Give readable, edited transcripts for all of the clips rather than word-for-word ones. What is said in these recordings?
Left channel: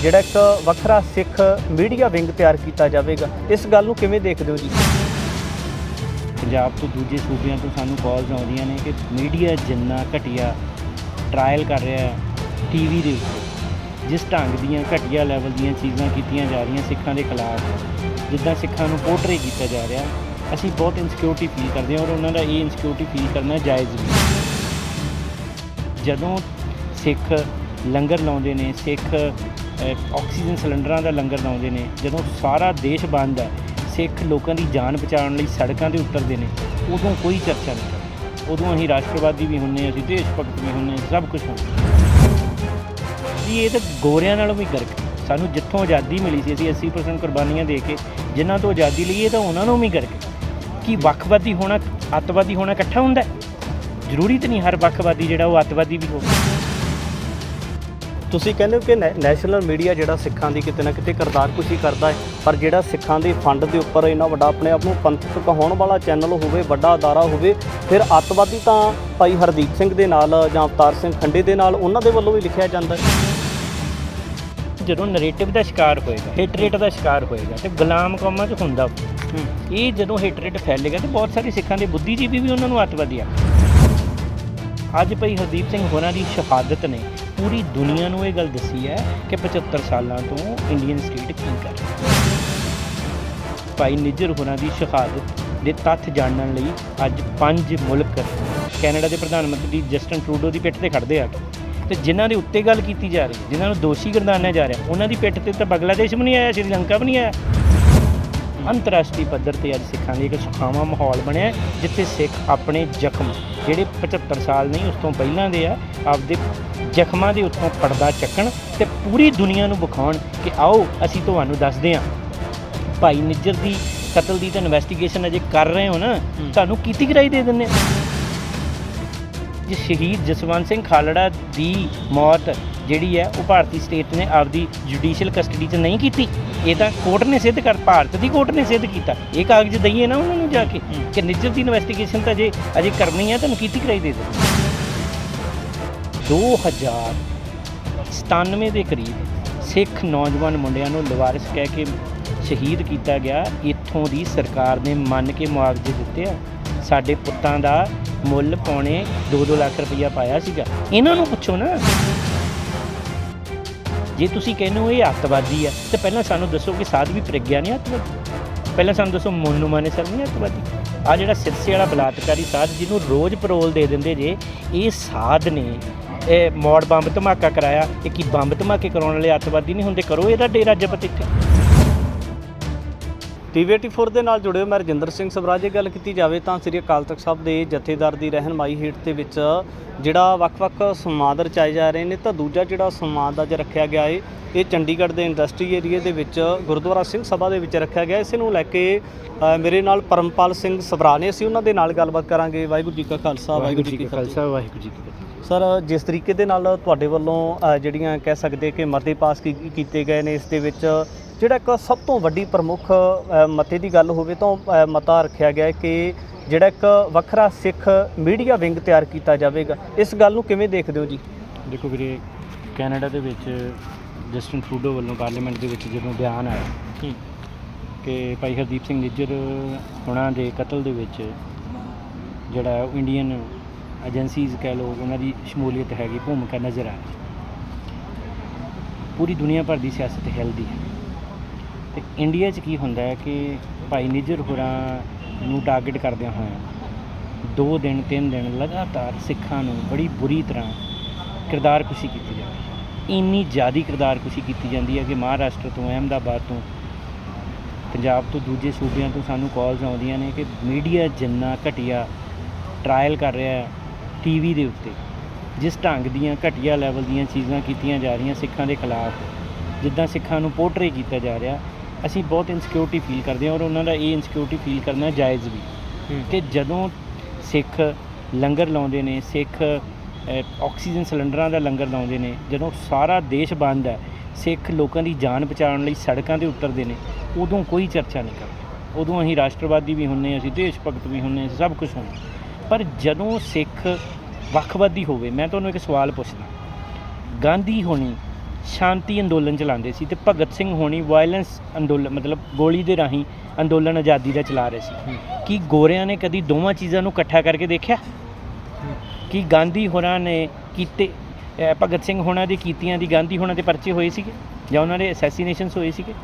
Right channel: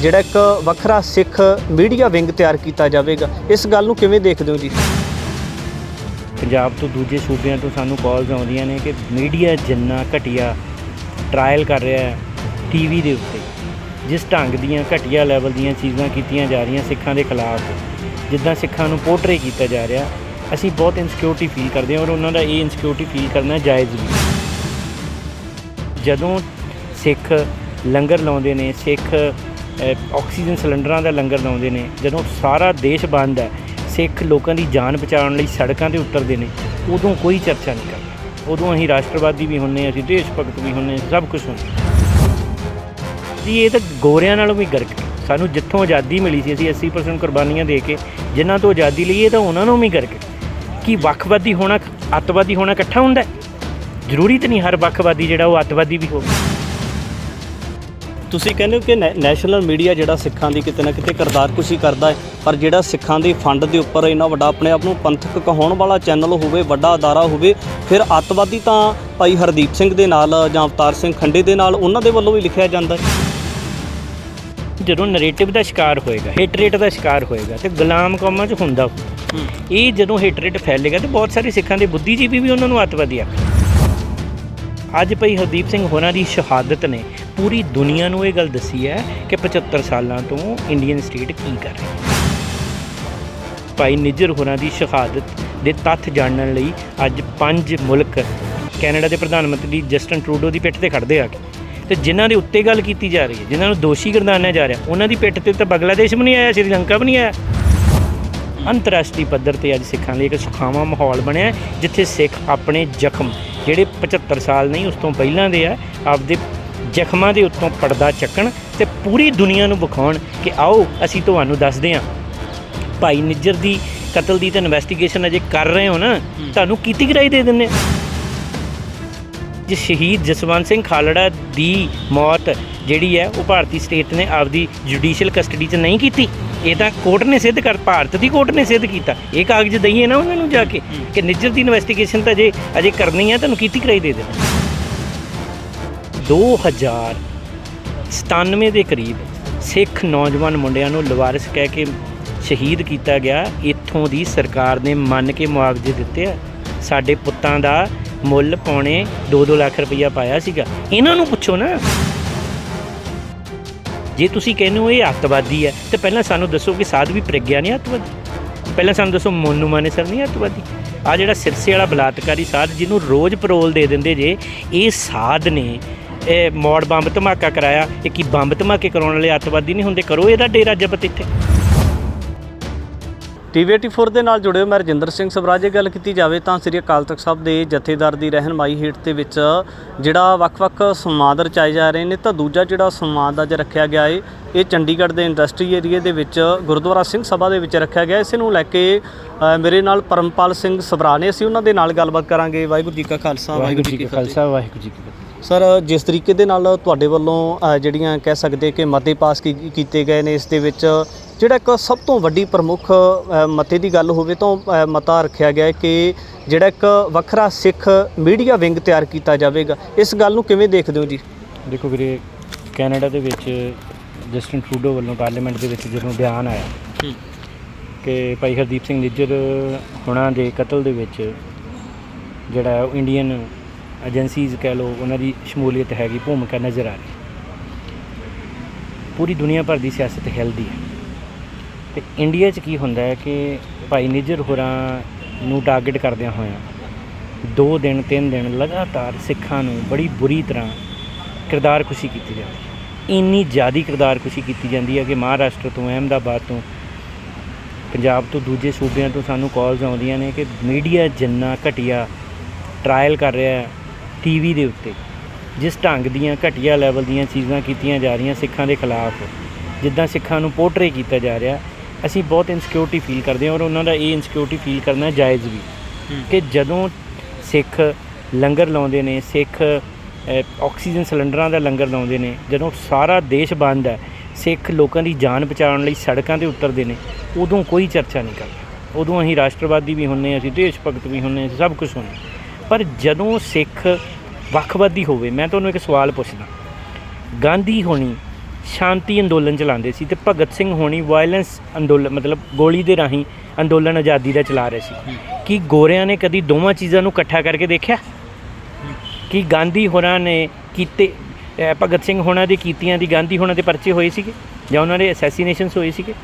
ਜਿਹੜਾ ਇੱਕ ਵੱਖਰਾ ਸਿੱਖ ਮੀਡੀਆ ਵਿੰਗ ਤਿਆਰ ਕੀਤਾ ਜਾਵੇਗਾ। ਇਸ ਗੱਲ ਨੂੰ ਕਿਵੇਂ ਦੇਖਦੇ ਹੋ ਜੀ? ਪੰਜਾਬ ਤੋਂ ਦੂਜੇ ਸੂਬਿਆਂ ਤੋਂ ਸਾਨੂੰ ਕਾਲਸ ਆਉਂਦੀਆਂ ਨੇ ਕਿ ਮੀਡੀਆ ਜਿੰਨਾ ਘਟੀਆ ਟਰਾਇਲ ਕਰ ਰਿਹਾ ਹੈ ਟੀਵੀ ਦੇ ਉੱਤੇ, ਜਿਸ ਢੰਗ ਦੀਆਂ ਘਟੀਆ ਲੈਵਲ ਦੀਆਂ ਚੀਜ਼ਾਂ ਕੀਤੀਆਂ ਜਾ ਰਹੀਆਂ ਸਿੱਖਾਂ ਦੇ ਖਿਲਾਫ, ਜਿੱਦਾਂ ਸਿੱਖਾਂ ਨੂੰ ਪੋਰਟਰੇ ਕੀਤਾ ਜਾ ਰਿਹਾ, ਅਸੀਂ ਬਹੁਤ ਇਨਸਿਕਿਉਰਿਟੀ ਫੀਲ ਕਰਦੇ ਹਾਂ ਔਰ ਉਹਨਾਂ ਦਾ ਇਹ ਇਨਸਿਕਿਉਰਿਟੀ ਫੀਲ ਕਰਨਾ ਜਾਇਜ਼ ਨਹੀਂ। ਜਦੋਂ ਸਿੱਖ ਲੰਗਰ ਲਾਉਂਦੇ ਨੇ, ਸਿੱਖ ਆਕਸੀਜਨ ਸਿਲੰਡਰਾਂ ਦਾ ਲੰਗਰ ਲਾਉਂਦੇ ਨੇ, ਜਦੋਂ ਸਾਰਾ ਦੇਸ਼ ਬੰਦ ਹੈ, ਸਿੱਖ ਲੋਕਾਂ ਦੀ ਜਾਨ ਬਚਾਉਣ ਲਈ ਸੜਕਾਂ 'ਤੇ ਉਤਰਦੇ ਨੇ, ਉਦੋਂ ਕੋਈ ਚਰਚਾ ਨਹੀਂ ਕਰਦਾ। ਉਦੋਂ ਅਸੀਂ ਰਾਸ਼ਟਰਵਾਦੀ ਵੀ ਹੁੰਦੇ, ਅਸੀਂ ਦੇਸ਼ ਭਗਤ ਵੀ ਹੁੰਦੇ, ਸਭ ਕੁਛ ਹੁੰਦਾ ਜੀ। ਇਹ ਤਾਂ ਗੋਰਿਆਂ ਨਾਲੋਂ ਵੀ ਗਰਕ। ਸਾਨੂੰ ਜਿੱਥੋਂ ਆਜ਼ਾਦੀ ਮਿਲੀ ਸੀ, ਅਸੀਂ 80% ਕੁਰਬਾਨੀਆਂ ਦੇ ਕੇ ਜਿਨ੍ਹਾਂ ਤੋਂ ਆਜ਼ਾਦੀ ਲਈ, ਇਹ ਤਾਂ ਉਹਨਾਂ ਨੂੰ ਵੀ ਗਰਕ। ਕਿ ਵੱਖਵਾਦੀ ਹੋਣਾ, ਅੱਤਵਾਦੀ ਹੋਣਾ ਇਕੱਠਾ ਹੁੰਦਾ? ਜ਼ਰੂਰੀ ਤਾਂ ਨਹੀਂ ਹਰ ਵੱਖਵਾਦੀ ਜਿਹੜਾ ਉਹ ਅੱਤਵਾਦੀ ਵੀ ਹੋਵੇ। ਤੁਸੀਂ ਕਹਿੰਦੇ ਹੋ ਕਿ ਨੈਸ਼ਨਲ ਮੀਡੀਆ ਜਿਹੜਾ ਸਿੱਖਾਂ ਦੀ ਕਿਤੇ ਨਾ ਕਿਤੇ ਕਿਰਦਾਰਕੁਸ਼ੀ ਕਰਦਾ ਹੈ, ਪਰ ਜਿਹੜਾ ਸਿੱਖਾਂ ਦੇ ਫੰਡ ਦੇ ਉੱਪਰ ਇੰਨਾ ਵੱਡਾ ਆਪਣੇ ਆਪ ਨੂੰ ਪੰਥਕ ਕਹਾਉਣ ਵਾਲਾ ਚੈਨਲ ਹੋਵੇ, ਵੱਡਾ ਅਦਾਰਾ ਹੋਵੇ, ਫਿਰ ਅੱਤਵਾਦੀ ਤਾਂ ਭਾਈ ਹਰਦੀਪ ਸਿੰਘ ਦੇ ਨਾਲ ਜਾਂ ਅਵਤਾਰ ਸਿੰਘ ਖੰਡੇ ਦੇ ਨਾਲ ਉਹਨਾਂ ਦੇ ਵੱਲੋਂ ਵੀ ਲਿਖਿਆ ਜਾਂਦਾ ਹੈ। ਜਦੋਂ ਨਰੇਟਿਵ ਦਾ ਸ਼ਿਕਾਰ ਹੋਏਗਾ, ਹਿੱਟ ਰੇਟ ਦਾ ਸ਼ਿਕਾਰ ਹੋਏਗਾ ਤੇ ਗੁਲਾਮ ਕੌਮਾਂ 'ਚ ਹੁੰਦਾ ਇਹ ਜਦੋਂ ਹਿੱਟ ਰੇਟ ਫੈਲੇਗਾ ਤੇ ਬਹੁਤ ਸਾਰੇ ਸਿੱਖਾਂ ਦੇ ਬੁੱਧੀਜੀਵੀ ਵੀ ਉਹਨਾਂ ਨੂੰ ਅੱਤਵਾਦੀ ਆਖਣਗੇ। ਅੱਜ ਭਾਈ ਹਰਦੀਪ ਸਿੰਘ ਹੋਰਾਂ ਦੀ ਸ਼ਹਾਦਤ ਨੇ ਪੂਰੀ ਦੁਨੀਆ ਨੂੰ ਇਹ ਗੱਲ ਦੱਸੀ ਹੈ ਕਿ 75 ਸਾਲਾਂ ਤੋਂ ਇੰਡੀਅਨ ਸਟੇਟ ਕੀ ਕਰ ਰਹੀ। ਭਾਈ ਨਿੱਜਰ ਹੋਰਾਂ ਦੀ ਸ਼ਹਾਦਤ ਦੇ ਤੱਥ ਜਾਣਨ ਲਈ ਅੱਜ 5 ਮੁਲਕ ਕੈਨੇਡਾ ਦੇ ਪ੍ਰਧਾਨ ਮੰਤਰੀ ਜਸਟਨ ਟਰੂਡੋ ਦੀ ਪਿੱਠ ਤੇ ਖੜਦੇ ਆ ਕੇ, ਤੇ ਜਿਨ੍ਹਾਂ ਦੇ ਉੱਤੇ ਗੱਲ ਕੀਤੀ ਜਾ ਰਹੀ ਹੈ, ਜਿਨ੍ਹਾਂ ਨੂੰ ਦੋਸ਼ੀ ਗਰਦਾਨਿਆ ਜਾ ਰਿਹਾ, ਉਹਨਾਂ ਦੀ ਪਿੱਠ ਤੇ ਤਾਂ ਬੰਗਲਾਦੇਸ਼ ਵੀ ਨਹੀਂ ਆਇਆ, ਸ਼੍ਰੀਲੰਕਾ ਵੀ ਨਹੀਂ ਆਇਆ। ਅੰਤਰਰਾਸ਼ਟਰੀ ਪੱਧਰ 'ਤੇ ਅੱਜ ਸਿੱਖਾਂ ਲਈ ਇੱਕ ਸੁਖਾਵਾਂ ਮਾਹੌਲ ਬਣਿਆ, ਜਿੱਥੇ ਸਿੱਖ ਆਪਣੇ ਜ਼ਖਮ ਜਿਹੜੇ 75 ਸਾਲ ਨਹੀਂ ਉਸ ਤੋਂ ਪਹਿਲਾਂ ਦੇ ਆ, ਆਪਦੇ ਜ਼ਖਮਾਂ ਦੇ ਉੱਤੋਂ ਪਰਦਾ ਚੱਕਣ ਤੇ ਪੂਰੀ ਦੁਨੀਆ ਨੂੰ ਵਿਖਾਉਣ ਕਿ ਆਓ ਅਸੀਂ ਤੁਹਾਨੂੰ ਦੱਸਦੇ ਹਾਂ। ਭਾਈ ਨਿੱਜਰ ਦੀ ਕਤਲ ਦੀ ਤਾਂ ਇਨਵੈਸਟੀਗੇਸ਼ਨ ਅਜੇ ਕਰ ਰਹੇ ਹੋ ਨਾ, ਤੁਹਾਨੂੰ ਕੀਤੀ ਕਰਾਈ ਦੇ ਦਿੰਦੇ। ਜੇ ਸ਼ਹੀਦ ਜਸਵੰਤ ਸਿੰਘ ਖਾਲੜਾ ਦੀ ਮੌਤ ਜਿਹੜੀ ਹੈ ਉਹ ਭਾਰਤੀ ਸਟੇਟ ਨੇ ਆਪਦੀ ਜੁਡੀਸ਼ੀਅਲ ਕਸਟਡੀ 'ਚ ਨਹੀਂ ਕੀਤੀ, ਇਹ ਤਾਂ ਕੋਰਟ ਨੇ ਸਿੱਧ ਕਰ, ਭਾਰਤ ਦੀ ਕੋਰਟ ਨੇ ਸਿੱਧ ਕੀਤਾ। ਇਹ ਕਾਗਜ਼ ਦਈਏ ਨਾ ਉਹਨਾਂ ਨੂੰ ਜਾ ਕੇ ਕਿ ਨਿੱਜਰ ਦੀ ਇਨਵੈਸਟੀਗੇਸ਼ਨ ਤਾਂ ਅਜੇ ਕਰਨੀ ਹੈ, ਤੁਹਾਨੂੰ ਕੀਤੀ ਕਰਾਈ ਦੇ ਦੇਣਾ। 2097 ਦੇ ਕਰੀਬ ਸਿੱਖ ਨੌਜਵਾਨ ਮੁੰਡਿਆਂ ਨੂੰ ਲਵਾਰਿਸ ਕਹਿ ਕੇ ਸ਼ਹੀਦ ਕੀਤਾ ਗਿਆ। ਇੱਥੋਂ ਦੀ ਸਰਕਾਰ ਨੇ ਮੰਨ ਕੇ ਮੁਆਵਜ਼ੇ ਦਿੱਤੇ ਆ। ਸਾਡੇ ਪੁੱਤਾਂ ਦਾ ਮੁੱਲ ਪੌਣੇ 2-2 ਲੱਖ ਰੁਪਈਆ ਪਾਇਆ ਸੀਗਾ। ਇਹਨਾਂ ਨੂੰ ਪੁੱਛੋ ਨਾ, ਜੇ ਤੁਸੀਂ ਕਹਿੰਦੇ ਹੋ ਇਹ ਅੱਤਵਾਦੀ ਹੈ ਤੇ ਪਹਿਲਾਂ ਸਾਨੂੰ ਦੱਸੋ ਕਿ ਸਾਧਵੀ ਪ੍ਰਗਿਆ ਨਹੀਂ ਅੱਤਵਾਦੀ? ਪਹਿਲਾਂ ਸਾਨੂੰ ਦੱਸੋ ਮੋਨੂ ਮਾਨੇਸਰ ਨਹੀਂ ਅੱਤਵਾਦੀ? ਆਹ ਜਿਹੜਾ ਸਿਰਸੇ ਵਾਲਾ ਬਲਾਤਕਾਰੀ ਸਾਧ ਜਿਹਨੂੰ ਰੋਜ਼ ਪਰੋਲ ਦੇ ਦਿੰਦੇ ਜੇ, ਇਹ ਸਾਧ ਨੇ ਇਹ ਮੌੜ ਬੰਬ ਧਮਾਕਾ ਕਰਾਇਆ। ਇਹ ਕੀ ਬੰਬ ਧਮਾਕੇ ਕਰਾਉਣ ਵਾਲੇ ਅੱਤਵਾਦੀ ਨਹੀਂ ਹੁੰਦੇ? ਕਰੋ ਇਹਦਾ ਡੇਰਾ ਜ਼ਬਤ ਇੱਥੇ। TV 84 ਦੇ ਨਾਲ ਜੁੜੇ ਹੋ, ਮੈਂ ਰਜਿੰਦਰ ਸਿੰਘ ਸਵਰਾਜ। ਗੱਲ ਕੀਤੀ ਜਾਵੇ ਤਾਂ ਸ੍ਰੀ ਅਕਾਲ ਤਖਤ ਸਾਹਿਬ ਦੇ ਜਥੇਦਾਰ ਦੀ ਰਹਿਨਮਾਈ ਹੇਠ ਦੇ ਵਿੱਚ ਜਿਹੜਾ ਵੱਖ-ਵੱਖ ਸੰਵਾਦ ਰਚਾਏ ਜਾ ਰਹੇ ਨੇ, ਤਾਂ ਦੂਜਾ ਜਿਹੜਾ ਸੰਵਾਦ ਅੱਜ ਰੱਖਿਆ ਗਿਆ ਹੈ ਇਹ ਚੰਡੀਗੜ੍ਹ ਦੇ ਇੰਡਸਟਰੀ ਏਰੀਏ ਦੇ ਵਿੱਚ ਗੁਰਦੁਆਰਾ ਸਿੰਘ ਸਭਾ ਦੇ ਵਿੱਚ ਰੱਖਿਆ ਗਿਆ। ਇਸ ਨੂੰ ਲੈ ਕੇ ਮੇਰੇ ਨਾਲ ਪਰਮਪਾਲ ਸਿੰਘ ਸਭਰਾ ਨੇ, ਅਸੀਂ ਉਹਨਾਂ ਦੇ ਨਾਲ ਗੱਲਬਾਤ ਕਰਾਂਗੇ। ਵਾਹਿਗੁਰੂ ਜੀ ਕਾ ਖਾਲਸਾ, ਵਾਹਿਗੁਰੂ ਜੀ ਕੀ ਫਤਿਹ। ਵਾਹਿਗੁਰੂ ਜੀ ਕੀ ਫਤਿਹ। ਸਰ, ਜਿਸ ਤਰੀਕੇ ਦੇ ਨਾਲ ਤੁਹਾਡੇ ਵੱਲੋਂ ਜਿਹੜੀਆਂ ਕਹਿ ਸਕਦੇ ਕਿ ਮਤੇ ਪਾਸ ਕੀਤੇ ਗਏ ਨੇ, ਇਸ ਦੇ ਵਿੱਚ ਜਿਹੜਾ ਇੱਕ ਸਭ ਤੋਂ ਵੱਡੀ ਪ੍ਰਮੁੱਖ ਮਤੇ ਦੀ ਗੱਲ ਹੋਵੇ ਤਾਂ ਮਤਾ ਰੱਖਿਆ ਗਿਆ ਹੈ ਕਿ ਜਿਹੜਾ ਇੱਕ ਵੱਖਰਾ ਸਿੱਖ ਮੀਡੀਆ ਵਿੰਗ ਤਿਆਰ ਕੀਤਾ ਜਾਵੇਗਾ। ਇਸ ਗੱਲ ਨੂੰ ਕਿਵੇਂ ਦੇਖਦੇ ਹੋ ਜੀ? ਦੇਖੋ ਵੀਰੇ, ਕੈਨੇਡਾ ਦੇ ਵਿੱਚ ਜਸਟਨ ਟਰੂਡੋ ਵੱਲੋਂ ਪਾਰਲੀਮੈਂਟ ਦੇ ਵਿੱਚ ਜਦੋਂ ਬਿਆਨ ਆਇਆ ਕਿ ਭਾਈ ਹਰਦੀਪ ਸਿੰਘ ਨਿੱਜਰ ਹੋਣਾ ਦੇ ਕਤਲ ਦੇ ਵਿੱਚ ਜਿਹੜਾ ਇੰਡੀਅਨ ਏਜੰਸੀਜ਼ ਕਹਿ ਲਓ ਉਹਨਾਂ ਦੀ ਸ਼ਮੂਲੀਅਤ ਹੈਗੀ, ਭੂਮਿਕਾ ਨਜ਼ਰ ਆ ਰਹੀ। ਪੂਰੀ ਦੁਨੀਆ ਭਰ ਦੀ ਸਿਆਸਤ ਹਿਲਦੀ ਹੈ ਅਤੇ ਇੰਡੀਆ 'ਚ ਕੀ ਹੁੰਦਾ ਹੈ ਕਿ ਭਾਈ ਨਿੱਜਰ ਹੋਰਾਂ ਨੂੰ ਟਾਰਗੇਟ ਕਰਦਿਆਂ ਹੋਇਆਂ 2 ਦਿਨ 3 ਦਿਨ ਲਗਾਤਾਰ ਸਿੱਖਾਂ ਨੂੰ ਬੜੀ ਬੁਰੀ ਤਰ੍ਹਾਂ ਕਿਰਦਾਰਕੁਸ਼ੀ ਕੀਤੀ ਜਾਂਦੀ ਹੈ। ਇੰਨੀ ਜ਼ਿਆਦਾ ਕਿਰਦਾਰਕੁਸ਼ੀ ਕੀਤੀ ਜਾਂਦੀ ਹੈ ਕਿ ਮਹਾਰਾਸ਼ਟਰ ਤੋਂ, ਅਹਿਮਦਾਬਾਦ ਤੋਂ, ਪੰਜਾਬ ਤੋਂ ਦੂਜੇ ਸੂਬਿਆਂ ਤੋਂ ਸਾਨੂੰ ਕਾਲਸ ਆਉਂਦੀਆਂ ਨੇ ਕਿ ਮੀਡੀਆ ਜਿੰਨਾ ਘਟੀਆ ਟਰਾਇਲ ਕਰ ਰਿਹਾ ਟੀਵੀ ਦੇ ਉੱਤੇ, ਜਿਸ ਢੰਗ ਦੀਆਂ ਘਟੀਆ ਲੈਵਲ ਦੀਆਂ ਚੀਜ਼ਾਂ ਕੀਤੀਆਂ ਜਾ ਰਹੀਆਂ ਸਿੱਖਾਂ ਦੇ ਖਿਲਾਫ, ਜਿੱਦਾਂ ਸਿੱਖਾਂ ਨੂੰ ਪੋਰਟਰੇ ਕੀਤਾ ਜਾ ਰਿਹਾ, ਅਸੀਂ ਬਹੁਤ ਇਨਸਿਕਿਉਰਿਟੀ ਫੀਲ ਕਰਦੇ ਹਾਂ ਔਰ ਉਹਨਾਂ ਦਾ ਇਹ ਇਨਸਿਕਿਉਰਿਟੀ ਫੀਲ ਕਰਨਾ ਜਾਇਜ਼ ਵੀ। ਕਿ ਜਦੋਂ ਸਿੱਖ ਲੰਗਰ ਲਾਉਂਦੇ ਨੇ, ਸਿੱਖ ਆਕਸੀਜਨ ਸਿਲੰਡਰਾਂ ਦਾ ਲੰਗਰ ਲਾਉਂਦੇ ਨੇ, ਜਦੋਂ ਸਾਰਾ ਦੇਸ਼ ਬੰਦ ਹੈ, ਸਿੱਖ ਲੋਕਾਂ ਦੀ ਜਾਨ ਬਚਾਉਣ ਲਈ ਸੜਕਾਂ 'ਤੇ ਉਤਰਦੇ ਨੇ, ਉਦੋਂ ਕੋਈ ਚਰਚਾ ਨਹੀਂ ਕਰਦਾ। ਉਦੋਂ ਅਸੀਂ ਰਾਸ਼ਟਰਵਾਦੀ ਵੀ ਹੁੰਦੇ, ਅਸੀਂ ਦੇਸ਼ ਭਗਤ ਵੀ ਹੁੰਦੇ, ਸਭ ਕੁਛ ਹੁੰਦੇ। ਪਰ ਜਦੋਂ ਸਿੱਖ ਵੱਖਵਾਦੀ ਹੋਵੇ, ਮੈਂ ਤੁਹਾਨੂੰ ਇੱਕ ਸਵਾਲ ਪੁੱਛਦਾ, ਗਾਂਧੀ ਹੋਣੀ ਸ਼ਾਂਤੀ ਅੰਦੋਲਨ ਚਲਾਉਂਦੇ ਸੀ ਤੇ ਭਗਤ ਸਿੰਘ ਹੋਣੀ ਵਾਇਲੈਂਸ ਅੰਦੋਲਨ ਮਤਲਬ ਗੋਲੀ ਦੇ ਰਾਹੀਂ ਅੰਦੋਲਨ ਆਜ਼ਾਦੀ ਦਾ ਚਲਾ ਰਹੇ ਸੀ। ਕੀ ਗੋਰਿਆਂ ਨੇ ਕਦੀ ਦੋਵਾਂ ਚੀਜ਼ਾਂ ਨੂੰ ਇਕੱਠਾ ਕਰਕੇ ਦੇਖਿਆ? ਕਿ ਗਾਂਧੀ ਹੋਰਾਂ ਨੇ ਕੀਤੇ ਭਗਤ ਸਿੰਘ ਹੋਣਾ ਦੀ ਕੀਤੀਆਂ ਦੀ ਗਾਂਧੀ ਹੋਣਾ ਦੇ ਪਰਚੇ ਹੋਏ ਸੀਗੇ ਜਾਂ ਉਹਨਾਂ ਦੇ ਅਸੈਸੀਨੇਸ਼ਨਸ ਹੋਏ ਸੀਗੇ?